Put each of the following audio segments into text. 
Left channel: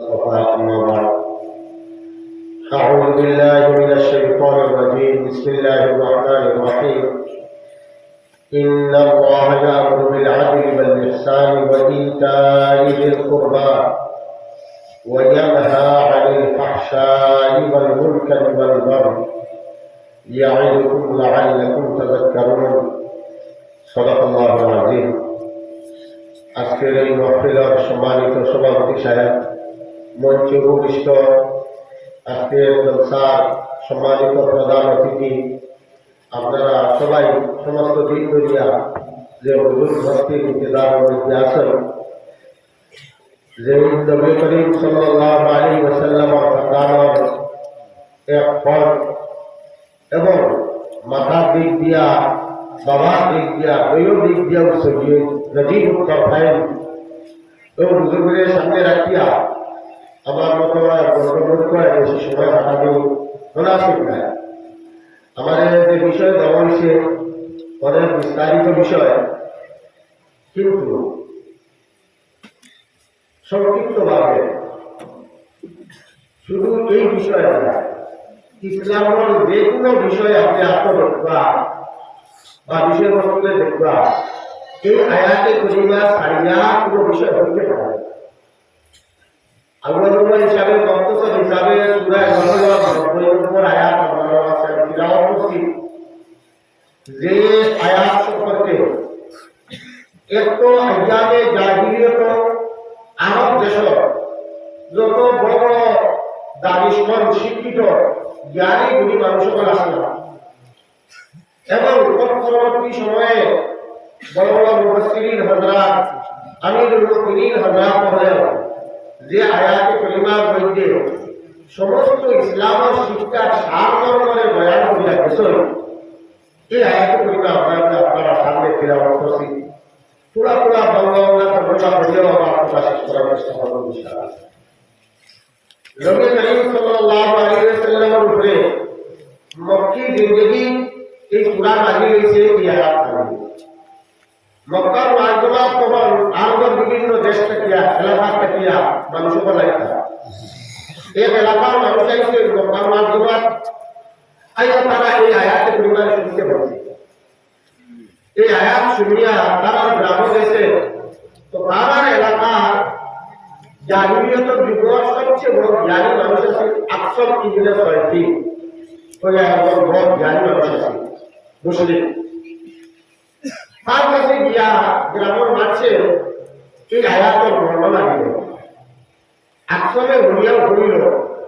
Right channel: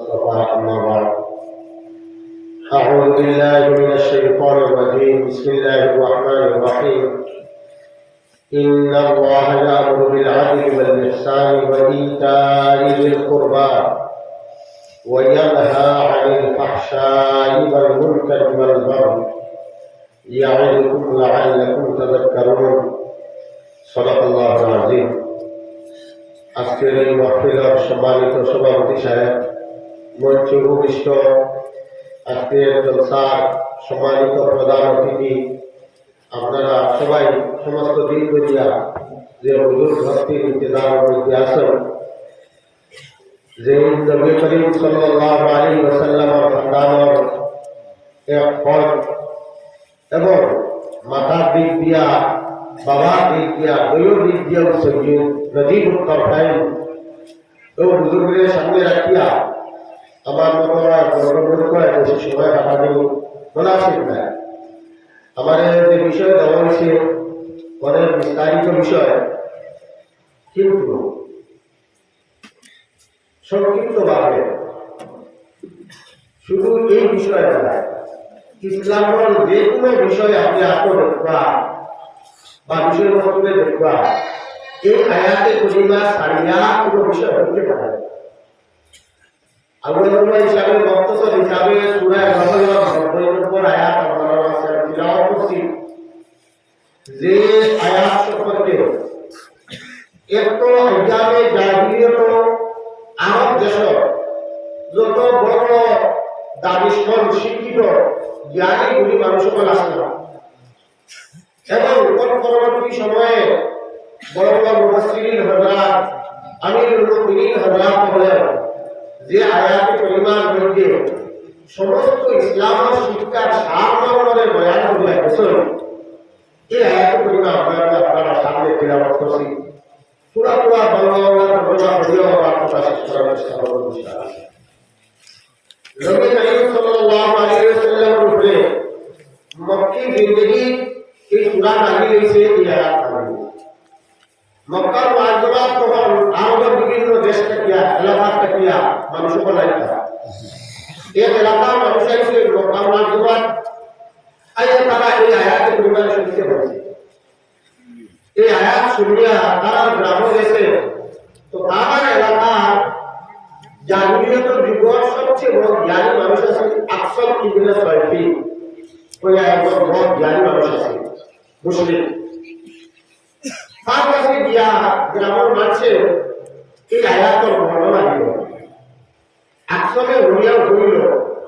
أما بعد أعوذ بالله من الشيطان الرجيم بسم الله الرحمن الرحيم إن الله يأمر بالعدل والإحسان وإيتاء ذي القربى وينهى عن الفحشاء والمنكر والبغي يعظكم لعلكم تذكرون صدق الله العظيم আজকের এই মহফিলের সম্মানিত সভাপতি সাহেব মঞ্চে উপবিষ্ট আজকের জলসার সম্মানিত প্রধান অতিথি, আপনারা সবাই সমস্ত দিন ধরিয়া যে হুজুর ভক্তির ইন্তজার মধ্যে আছেন যে নবী করিম সাল্লাল্লাহু আলাইহি ওয়াসাল্লামের খানদানের এক ফল এবং মাথার দিক দিয়া, বাবার দিক দিয়া, বইয়ের দিক দিয়া সজিয়ে নজিব উত্তর ফাইন এবং বুজুর্গের সামনে রাখিয়া আমার মতো অনুরোধ করে বেশি সময় কাটানো মুনাফিক নাই আমার যে বিষয় দেওয়া হয়েছে, অনেক বিস্তারিত বিষয়, কিন্তু সংক্ষিপ্তভাবে শুধু এই বিষয়টা না, ইসলামের যে কোনো বিষয় আপনি আত্মরক্ষা বা বিষয়বস্তুকে দেখবা, এই আয়াতে সারিয়া কোনো বিষয় হইতে পারে আল্লাহ হিসাবে বক্তব্য হিসাবে সুরায় মহল্লা নব্বইয়ের উপর আয়াত আপনারা আছে তিলাওয়াত করছি যে আয়াত সম্পর্কে এত আজ্ঞানে জাহিলিয়ত আরব দেশ যত বড় বড় দাবিস্মন শিক্ষিত, জ্ঞানী গুলি মানুষ সকল আছে না। এবং পরবর্তী সময়ে বড় বড় যে আয়াতে পরিমাণ মধ্যে সমস্ত ইসলামের শিক্ষার সার মর্মরে বয়ান করিয়া গেছেন এই আয়াতে পরিমাণ আপনারা আপনারা সামনে তিলাওয়াত করছি। পুরা পুরা বাংলা তর্জমা করিয়াও আবার কথা শেষ করার চেষ্টা করব মক্কি জিন্দেগি এই সূরা নাযিল হয়েছে এই আয়াত মক্কার মুআজ্জমা তখন আরবের বিভিন্ন দেশ থেকে এলাকা থেকে মানুষ বলাইতা এক এলাকার মানুষ আইছে মক্কার মুআজ্জমা আইয়া তারা এই আয়াতে পরিমাণ শুনতে পারছে এই আয়াত শুনিয়া তারা গ্রামে গেছে তো তারা এলাকার জাহিলিয়তের যুগের সবচেয়ে বড় জ্ঞানী মানুষ আছে আকসর ইবনে সয়ফি ওই একজন বড় জ্ঞানী মানুষ আছে মুসলিম তার কাছে গিয়া গ্রামের মাঝে এই আয়াতর বর্ণনা দিল আকসরে হইয়া হইল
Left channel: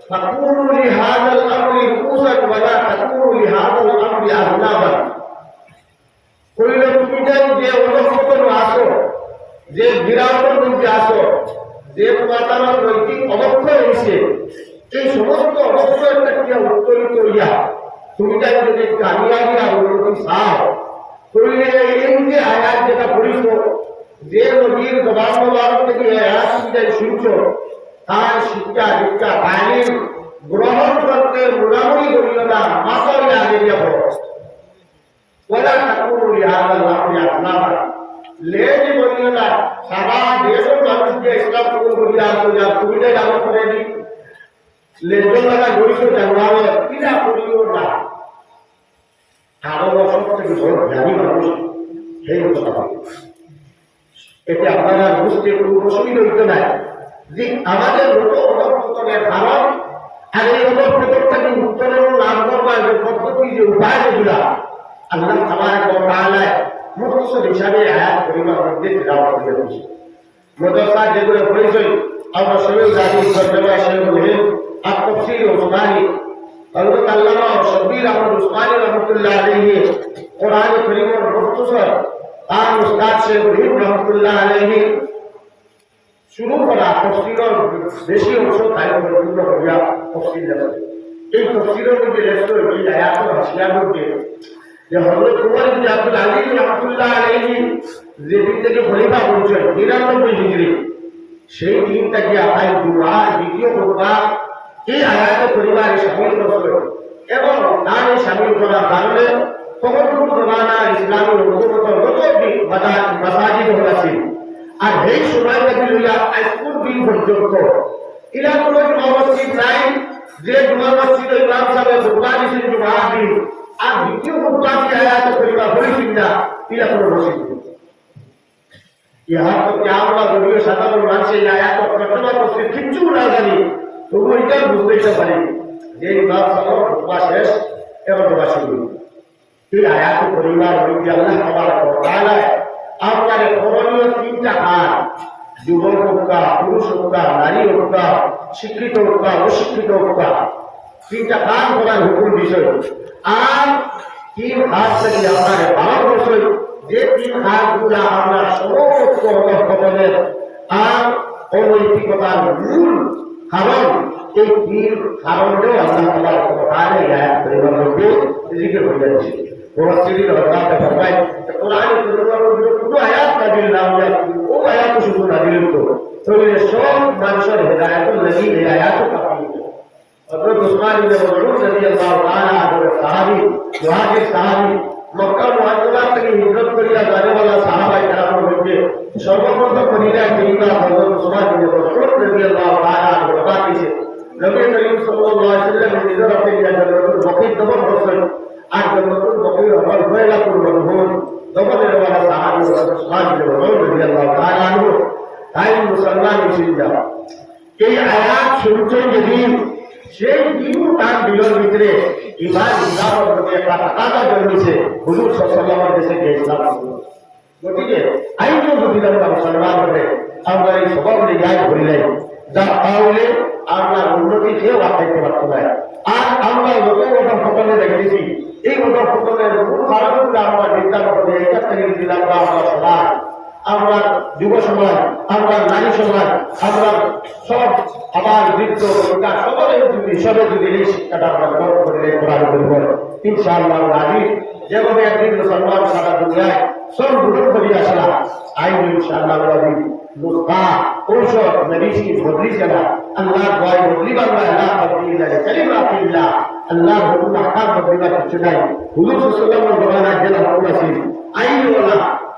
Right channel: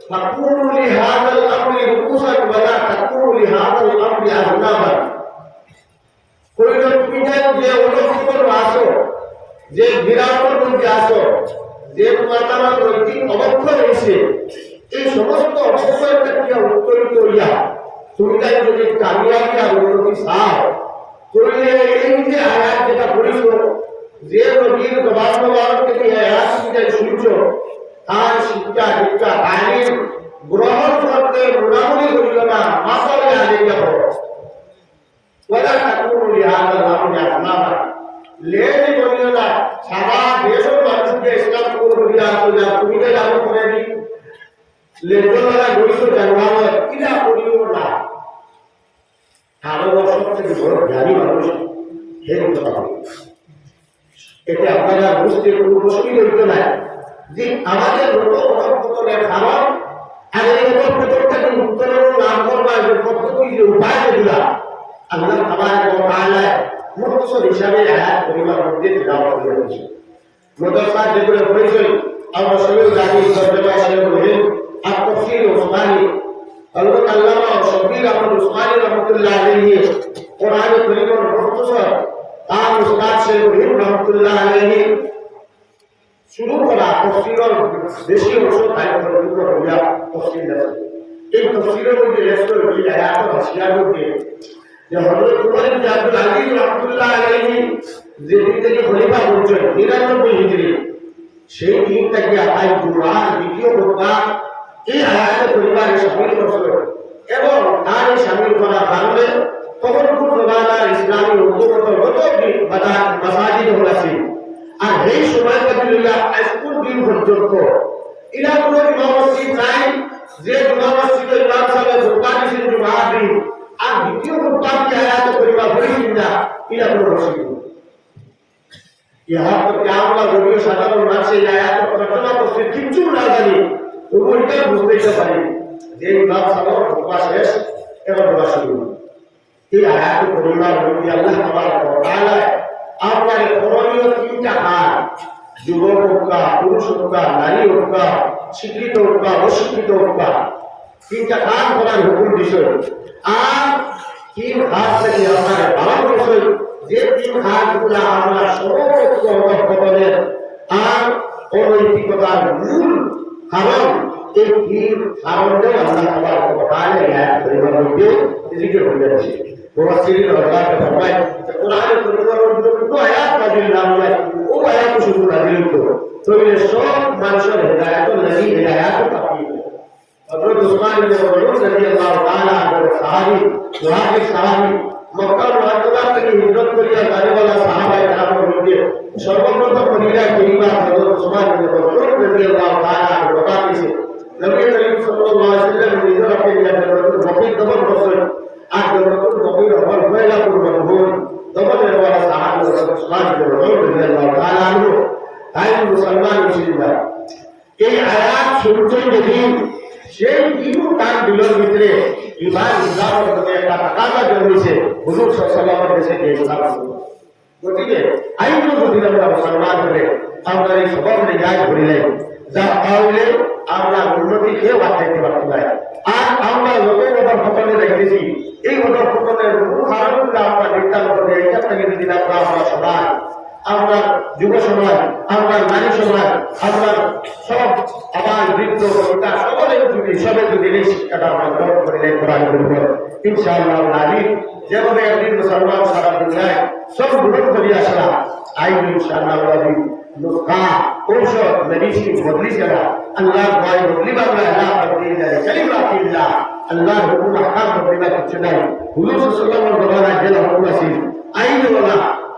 فكونوا لهذا الامر رؤوسا ولا تكونوا لهذا الامر اذنابا কইল তুমি যেন যে অনুসরণ আসো যে বিরাটের মধ্যে আসো যে তোমার আমার নৈতিক অবক্ষয় রয়েছে এই সমস্ত অবক্ষয়ের থেকে উত্তরিত হইয়া তুমি তাই যদি কামিয়াবি আর উন্নতি চাও তাহলে এই যে আয়াত যেটা পড়িছ, যে নবীর জবান মোবারক থেকে আয়াত যাই শুনছ, তার শিক্ষা দীক্ষা তালিম, গ্রহণ করতে মোটামুটি করিও না, মাসালে আগে যাব ওলা ঠাকুর আপনারা লেজ বলিও না, সারা দেশের মানুষকে ইসলাম কবুল করিয়া আসো যা তুমি তাই করে দি লেজন লাগা গইছো কিনা করিও না। আরও সবথেকে বড় জ্ঞানী মানুষ হে কথা এতে আপনারা বুঝতে কোনো অসুবিধা হইতে নাই যে আমাদের মতো অধপতনের কারণ আর এই অধপতনটাকে উত্তরণ লাভ করবার যে পদ্ধতি যে উপায় যেগুলা, আল্লাহ ওয়া তাআলা মুখতসর হিসাবে আয়াত পরিমাণ মধ্যে তেলাওয়াত করে দিয়েছে মাদ্রাসা যেগুলো পড়েছে আমরা সবাই জানি তরজমা আর তাফসীর ওসমানী হযরত আল্লামা শব্বির আহমদ উসমানী রহমাতুল্লাহ আলাইহি কোরআন কারীমের মুখতসর তার উস্তাদ শেখ রহিম রহমাতুল্লাহ আলাইহি শুরু করা তফসিলের বেশি অংশ তাই পরিপূর্ণ হইয়া তফসিল লেখে এই তফসিলের মধ্যে লেখছে এই আয়াতের হাসিয়ার মধ্যে যে হযরত উমর ইবনে আব্দুল আজিজ রাহমাতুল্লাহ আলাইহি যে দিন থেকে খলিফা 99 হিজরি সেই দিন দ্বিতীয় এই আয়াতে পরিবারে শামিল করছিল এবং এই শামিল করার কারণে তখনকার জমানার ইসলামী হুকুমত যত মাসাজিদ হল ছিল আর এই সময়টা ছিল স্কুল বিল পর্যন্ত ইলা কোনো জুমা মসজিদ নাই, যে জুমা মসজিদ ইমাম সাহেব খুতবা দিছেন জুমা দিন, আর দ্বিতীয় খুতবা কি আয়াত করিবা বলিছেন না ইলা কোনো মসজিদ। ইহা তো আমরা যদিও সাধারণ মানুষ এই আয়াত তর্জমা করছে, কিচ্ছু না জানি তবু এটাই বুঝতে পারি যে ইমাম সাহেব খুতবা শেষ, এবার দোয়া শুরু। এই আয়াত পরিবার রবি আল্লাহ ওয়া তাআলা আপনার করণীয় তিনটা হাত, যুবক হোক বা পুরুষ হোক বা নারী হোক বা শিক্ষিত হোক বা অশিক্ষিত হোক বা, তিনটা কাজ করার হুকুম বিষয় আর তিন হাত থেকে আপনার ভারতবর্ষ যে তিন হাতগুলা আমরা সমস্ত অধঃপতনের আর অনৈতিকতার মূল কারণ এই তিন কারণটাও আল্লাহ তাআলা এই আয়াত পরিবার মধ্যে জিকির হয়ে যাচ্ছে মুফাসসিরিন হযরত ফরমায় কোরআনে পরিবার মধ্যে কোনো আয়াত নাযিল না। সাহাবী মক্কা মুআজ্জামা থেকে হিজরত করিয়া গানেওয়ালা সাহাবায়ে কেরামের মধ্যে সর্বপ্রথম মদিনায় করিমা হযরত উসমান ইবনে মাসউদ রাদিয়াল্লাহু তাআলা আনহু বতা দিয়েছে নবী করিম সাল্লাল্লাহু আলাইহি ওয়াসাল্লাম হিজরত করিয়া জান্নাতুল বকির দমন করছেন আর জান্নাতুল বকির আমল হয়ে গেল মরহুম দমনের ওয়ালা সাহাবী হযরত উসমান ইবনে মাসউদ রাদিয়াল্লাহু তাআলা আনহু তাই মুসলমান মুসলিমরা এই আয়াত শুনছেন যেদিন সেই দিনও তার দিলের ভিতরে ইমান ইসলামের প্রতি একটা তাকাদা জন্মেছে। হুজুর সাল্লাল্লাহু দেশে যে ইসলাম। গতিকে আইনও যদি আমরা মুসলমান হবে আমরা এই সবর জায়গায় ধরিলাই যা তাহলে আমরা উন্নতি কেউ আটকাইতে পারতো না। আর আমরা যত কথা ফটনে রেখেছি এই কথা ফটনের মূল কারণ আমরা করে একটা থেকে যদি আমরা আমরা সমাজ আমরা যুব সমাজ, আমরা নারী সমাজ, আমরা সব আবার বৃদ্ধ বনিতা সকলে যদি সবে যদি এই শিক্ষাটা আমরা গ্রহণ করিলে কোরআন করব ইনশাআল্লাহ নারী যেভাবে একদিন মুসলমান সারা দুনিয়ায় সব গ্রহণ করিয়া আসলা আইন ইনশাআল্লাহ রাজি নুসখা, ঔষধ মেডিসিন বদলি চলা আল্লাহ ভয় বদলি বাংলা আল্লাহ বদলি ইল্লাহ কালিমাত ইল্লাহ আল্লাহ হুকুম আহকাম বদলি না কিছু নাই। হুজুর সাল্লাল্লাহু আলাইহি ওয়াসাল্লাম যে হুকুম আছে আইনওয়ালা এই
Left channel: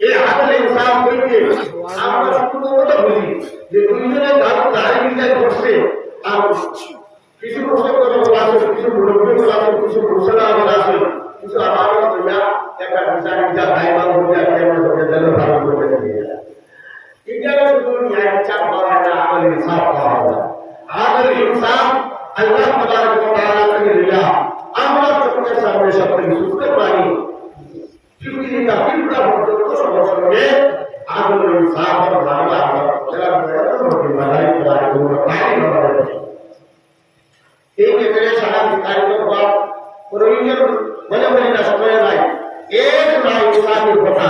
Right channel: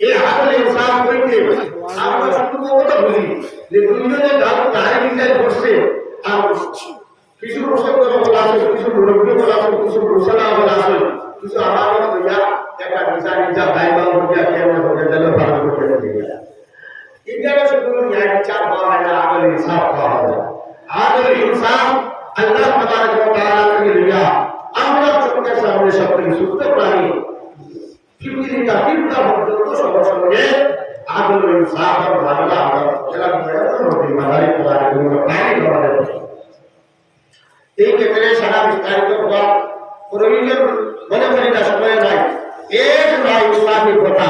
এই আসল ইনসাফ কইতে আমরা কথা বুঝি যে দুইজনে গাছ দাঁড়িয়ে চিন্তায় করছে আর কিছু প্রসঙ্গ বলা আছে কিছু মুরব্বী বলা আছে কিছু মুসলা বলা আছে কিছু আমার দুইয়া একটা বিচার বিচার দায়িত্ব হইয়া কেমন গেল ভালো করে ইন্ডিয়াতে শুধু ন্যায় বিচার হওয়া না আমল ইনসাফ হওয়া আমল ইনসাফ আল্লাহ তাবারক ওয়া তাআলা থেকে লিয়া আমরা চোখের সামনে সবথেকে সুস্থ প্রাণী পৃথিবীটা পিঁপড়া পর্যন্ত সবার সঙ্গে ইনসাফ আর ভালো আমরা এরা প্রাণী আমাদের এই ক্ষেত্রে সারা বিস্তারিত হওয়া প্রয়োজন, মনে করি না, সময় নাই। এক নাই ইনসাফি কথা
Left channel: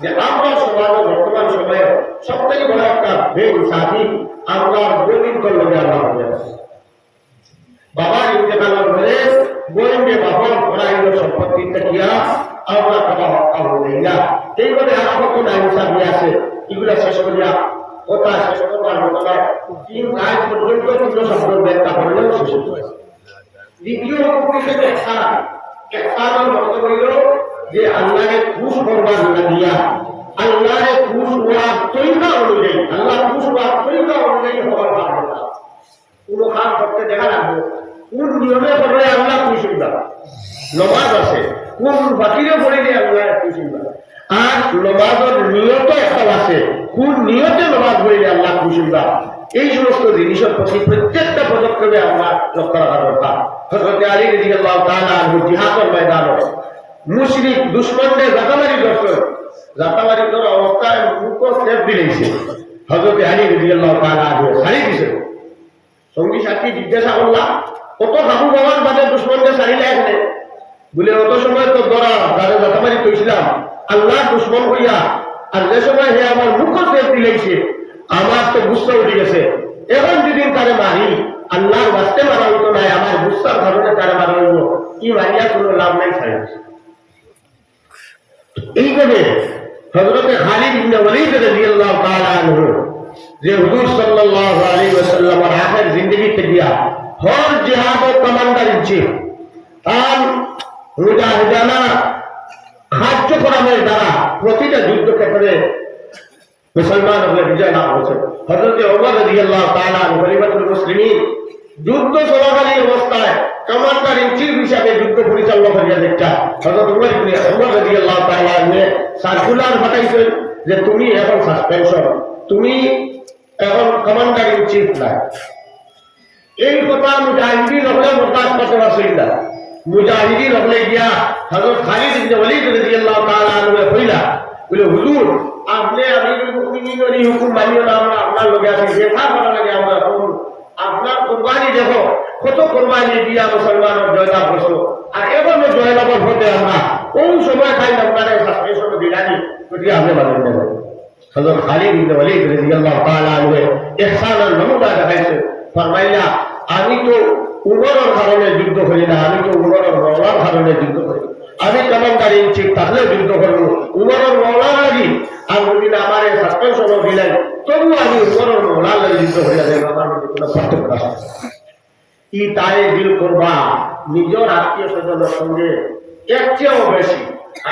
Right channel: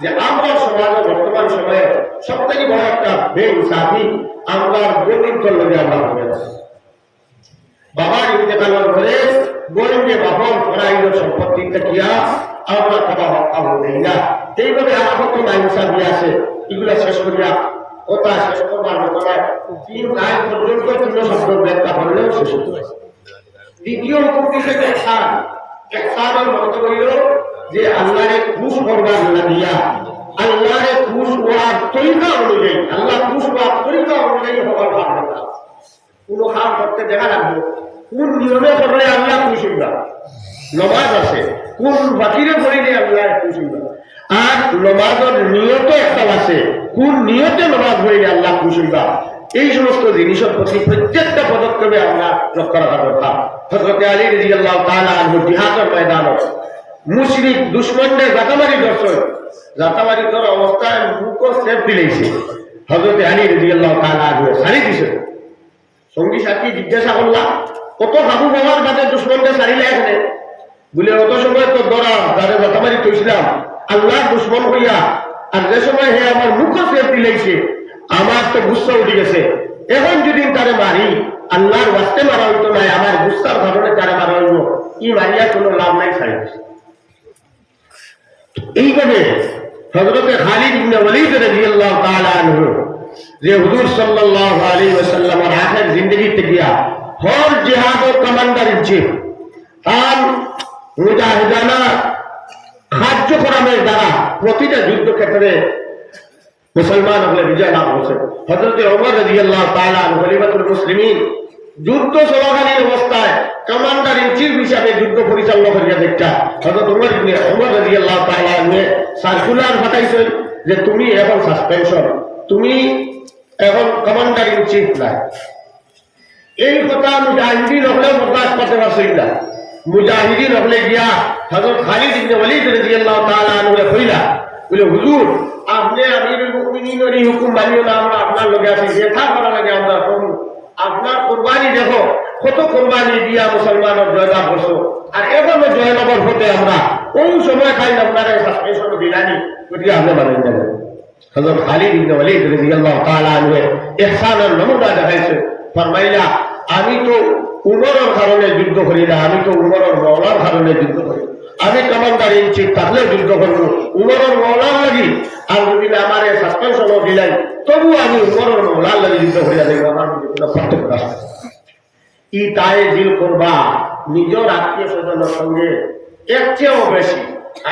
যে আমরা সমাজে বর্তমান সময়ে সব থেকে বড় একটা বে ইনসাফি আমরা বৈদিকর লোকে আমরা আছি। ইন্তেকালের পরে বোনকে বাবার ফরাইল সম্পত্তিটা আমরা খাওয়া হত্যা হয়ে না এইভাবে আর কত না ইনসাফি আছে এগুলা শেষ করিয়া ওটা শেষ করবার মতো না তিন আয় পর্যন্ত কোনো শব্দ ব্যাখ্যা করলেও শেষ হতো দ্বিতীয় হুকুম হিসেবে এহসান এহসানের মত হইল যে আল্লাহরে খুশ করবার না দিয়া। আল্লাহরে খুশ হওয়ার তরিকা অনুযায়ী আল্লাহ খুশ হওয়ার তরিকা অনুযায়ী হওয়ার ভাবনা কোন কাম করতে দেখা লাগবে। কোন নিয়মে করলে আল্লাহ খুশ হইবা? নমাজ আছে। কোন বাকিরে পড়িলে আল্লাহ খুশ আর নমাজের নিয়ত একটা আছে, কোন নিয়তে নমাজ পড়িলে আল্লাহ খুশ হইবা এই সমস্ত জিনিসের প্রতি প্রত্যেকটা পদক্ষেপে আমরা লক্ষ্য রাখা দরকার। হযরত আলী রাদিয়াল্লাহু তাআলা আনহু জিহাদের ময়দানে মুশরিক দুশমনদের জাতামারি করছে। জাতামারি করার অবস্থায় মুখ সেফ দিলেছে হযরত আলী রাদিয়াল্লাহু তাআলা আনহু সারি দিছে। সঙ্গী সাথী জিজ্ঞাসা করলাম, কত ভাবু বাবার বাদে দুশ্মনকে সারিলে এখানে বলে, অত সময় তো ধরা তারে যথামারি কইছিলাম। আল্লাহ দুশ্মন হইয়া, আর যে সময় হে আমার মুখ ফের দিলেছে আমার তো গুচ্ছা উঠে গেছে। এখন যদি তারে মারি, আল্লাহর বাস্তে মারা হইতো নাই আমার গুসার কারণে তারা মারা হইব, ই মারিয়া কোনো লাভ নাই ছাই এইভাবে হজরতে খালিদ ইবনে ওয়ালিদ রাদিয়াল্লাহু তাআলা আনহু, যে হুজুর সাল্লাল্লাহু আলাইহি ওয়াসাল্লামের আখের জিন্দেগিতে গিয়া হর জিহাদ ও কমান্ডার ইন চিফ, তার মুজাহিদানা কার্যক্রমের দ্বারা প্রতিটা যুদ্ধক্ষেত্রে মুসলমান হলে বিজয় লাভ হয়েছে হজরত ওমর রাদিয়াল্লাহু তাআলা খলিফাতুল মুসলিমিন, যুদ্ধ চলাকালীন অবস্থায় কমান্ডার ইন চিফ হিসাবে যুদ্ধ পরিচালনা করিয়া দেখা হজরত ওমর ইবনে, ওমর রাদিয়াল্লাহু তাআলা আনহু সার্কুলার পাঠাইছেন যে তুমি এখন সাসপেনশন, তুমি এখন কমান্ডার ইন চিফ না এই কথা মুজাহিদিন হলে বরদাস্ত করতে পারছেন না। মুজাহিদিন হলে গিয়া হযরত খালিদ ইবনে ওয়ালিদ রাদিয়াল্লাহু তাআলা আনহু কইলা, বলে, হুজুর, আপনি আমিরুল মুমিনিনের হুকুম মানিও না, আমরা আপনার লগে আছি যেটা করা লাগে আমরা করুন আপনার কোরবানি দেখো, কত কোরবানি দিয়া মুসলমানের জয়লাভ করছ। আর এখন জয়লাভের হতে আমরা কোন সময় খাই আপনারা সাসপেনশন দিলানি গতিকে আপনি মানেন না। হযরত খালিদ ইবনে ওয়ালিদ রাদিয়াল্লাহু তাআলা আনহু ইহসানের নমুনা দেখাইছে। ফরমাইলা, আমি তো উমরের কারণে যুদ্ধ করি না, আমি তো উমরের মৌলার কারণে যুদ্ধ করি। আমি কমান্ডার ইন চিফ থাকলে যুদ্ধ করব। উমরের মৌলার লাগি, আর যদি আমার সাসপেনশন দিলাই তবু আমি উমরের মৌলার লাগি যুদ্ধ করিয়া দেব, আমার কোনো পার্থক্য আছে ই তাই দিল করবা, নিজের আত্মীয় স্বজনের সঙ্গে এর চেয়েও বেশি।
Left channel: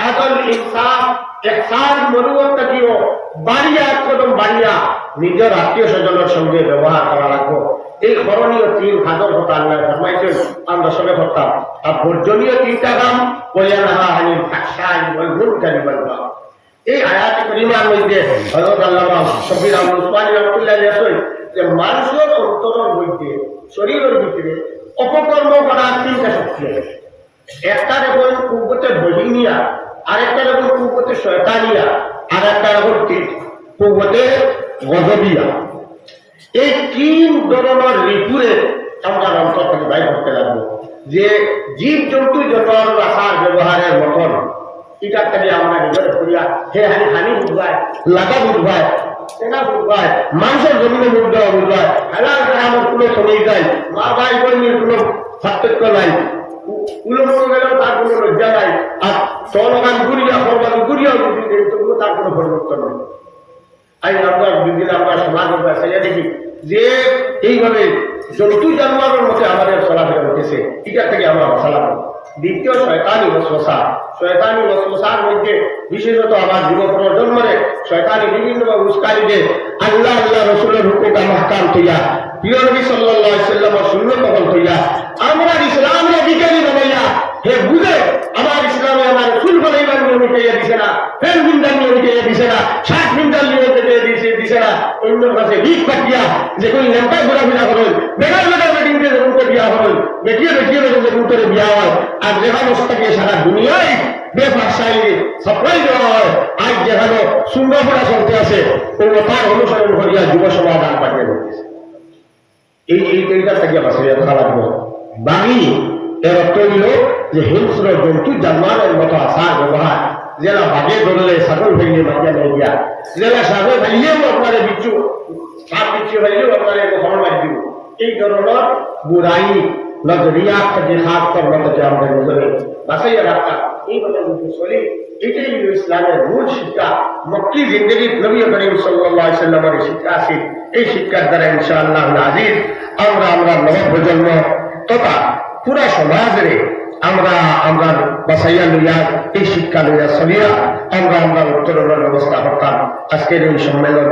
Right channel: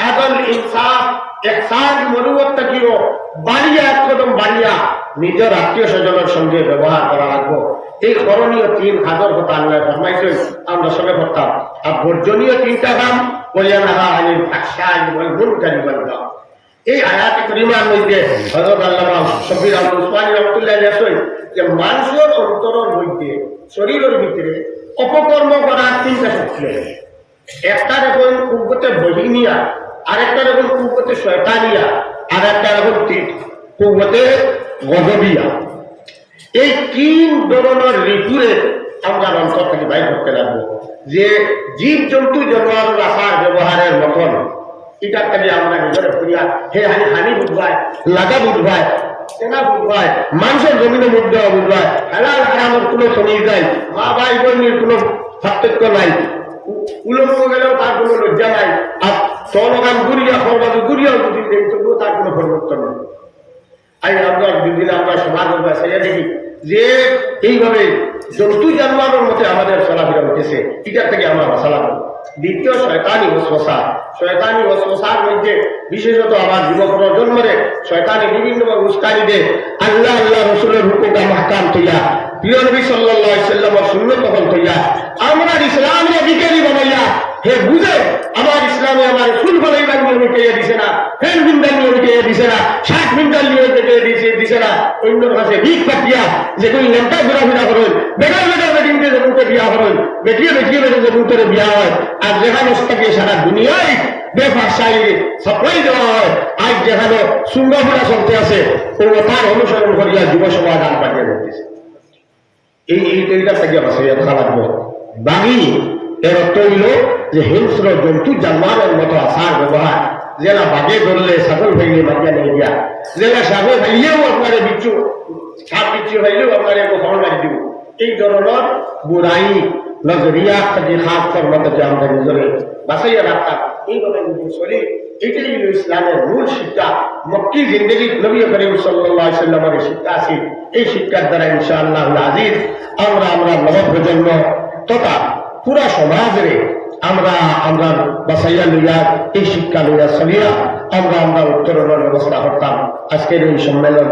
আদল ইনসাফ একসাথ মনুবত থাকিও, বাড়িয়া এক কদম বাড়িয়া নিজের আত্মীয় স্বজনের সঙ্গে ব্যবহার করা লাগবো। এই করণীয় তিন কথা আল্লাহ ফরমাইছেন, আমরা সঙ্গে করতাম আর বর্জনীয় তিনটা কাম নাহা আনিল ফাকশাই ওয়াল মুনকারি। এই আয়াত করিমার মধ্যে হযরত আল্লামা শফির আহমদ উসমানী রহমতুল্লাহ আলাইহি যে মানুষের অন্তরের মধ্যে, শরীরের ভিতরে অপকর্ম করার তিনটা শক্তি আছে। একটা দেখুন কুব্বতে বহিনিয়া, আরেকটা দেখুন কুব্বতে শয়তানিয়া আর একটা গজবিয়া। এই তিন ধরনের ঋতুরে আমরা অন্তর থেকে বাইর করতে লাগবো। যে জীব জন্তু জন্মার রাখার ব্যবহারের মতন এটার থেকে আমরা নিজের করিয়া, হে হানি হানি বুঝবায় লাগা বুঝবায় চেনা বুঝবায় মানুষের জমিনে মুখ দেওয়া বুঝবায় হালাল হারামের কোনো নাই, মা ভাই বোনের কোনো পার্থক্য নাই উলম্ব গেলেও তার কোনো লজ্জা নাই, আর খরবাদু গুড়িয়াও যদি তবুও তার কোনো পরিবর্তন নেই। আমরা বিশেষত আমার যুব প্রজন্মরে শয়তানি বিভিন্নভাবে উস্কানি আল্লাহ আল্লাহ রসুলের হুকুমটা মাহকাম তৈয়া, প্রিয় নবী আলাইহি সাল্লামের সুন্নত তখন আমরা ইসলামে বিজ্ঞানী বানাইয়া, হে বুঝে আমার ইসলামে আমার সুল বানাইবার নিয়ম কে দিছে না ফেন বিন্দার নিয়ম কে দিছে না, ষাট বিন্দার নিয়ম কে দিছে দিছে না। অন্যর কাছে ভিক পাঠিয়া যে কোন নেতা ঘোরাফেরা করুন বেকার বেকার বেটিংকে যেমন বিয়া করুন বেটিয়ে বেটিয়ে বেটে যেমন করে বিয়া হয়, আর যেখানে থাকে সারা দুনিয়ায় বেফাসাই সাপ্লাই দেওয়া হয় আজ যেখানে সুন্দরপড়া চলতে আছে তার অনুসরণ করিয়া যুব পাঠিয়ে এই বাকি এর অর্থ হইল যে হিংস্র জন্তু জন্মানোর মতো আসার ব্যবহার। যেটা বাঘে ধরলে ছাগল ভেঙে মাটিয়া মেরে দিয়া যেটা ছাগল ভেঙিয়েও আপনারে বিচ্ছু, সাপ বিচ্ছু হইলেও আপনারে খবর মারি দিব। এই ধরনের বুড়াই, নজরিয়া থেকে খাস কর্ম থেকে আমাদের নিজের বাঁচাইয়া রাখা এইভাবে যদি চলি। এটাই হলো ইসলামের মূল শিক্ষা। মক্কি জিন্দগি নবী করিম আলাইহি সাল্লামের শিক্ষা আছে, এই শিক্ষার দ্বারা ইনশাআল্লাহ আজিজ আমরা আমরা নব প্রজন্ম তথা পুরা সমাজরে আমরা আমরা বাসাইয়া লইয়া, এই শিক্ষা লইয়া চলিয়া আমরা আমরা উত্তরণের ব্যবস্থা করতাম। আজকের এই সম্মেলন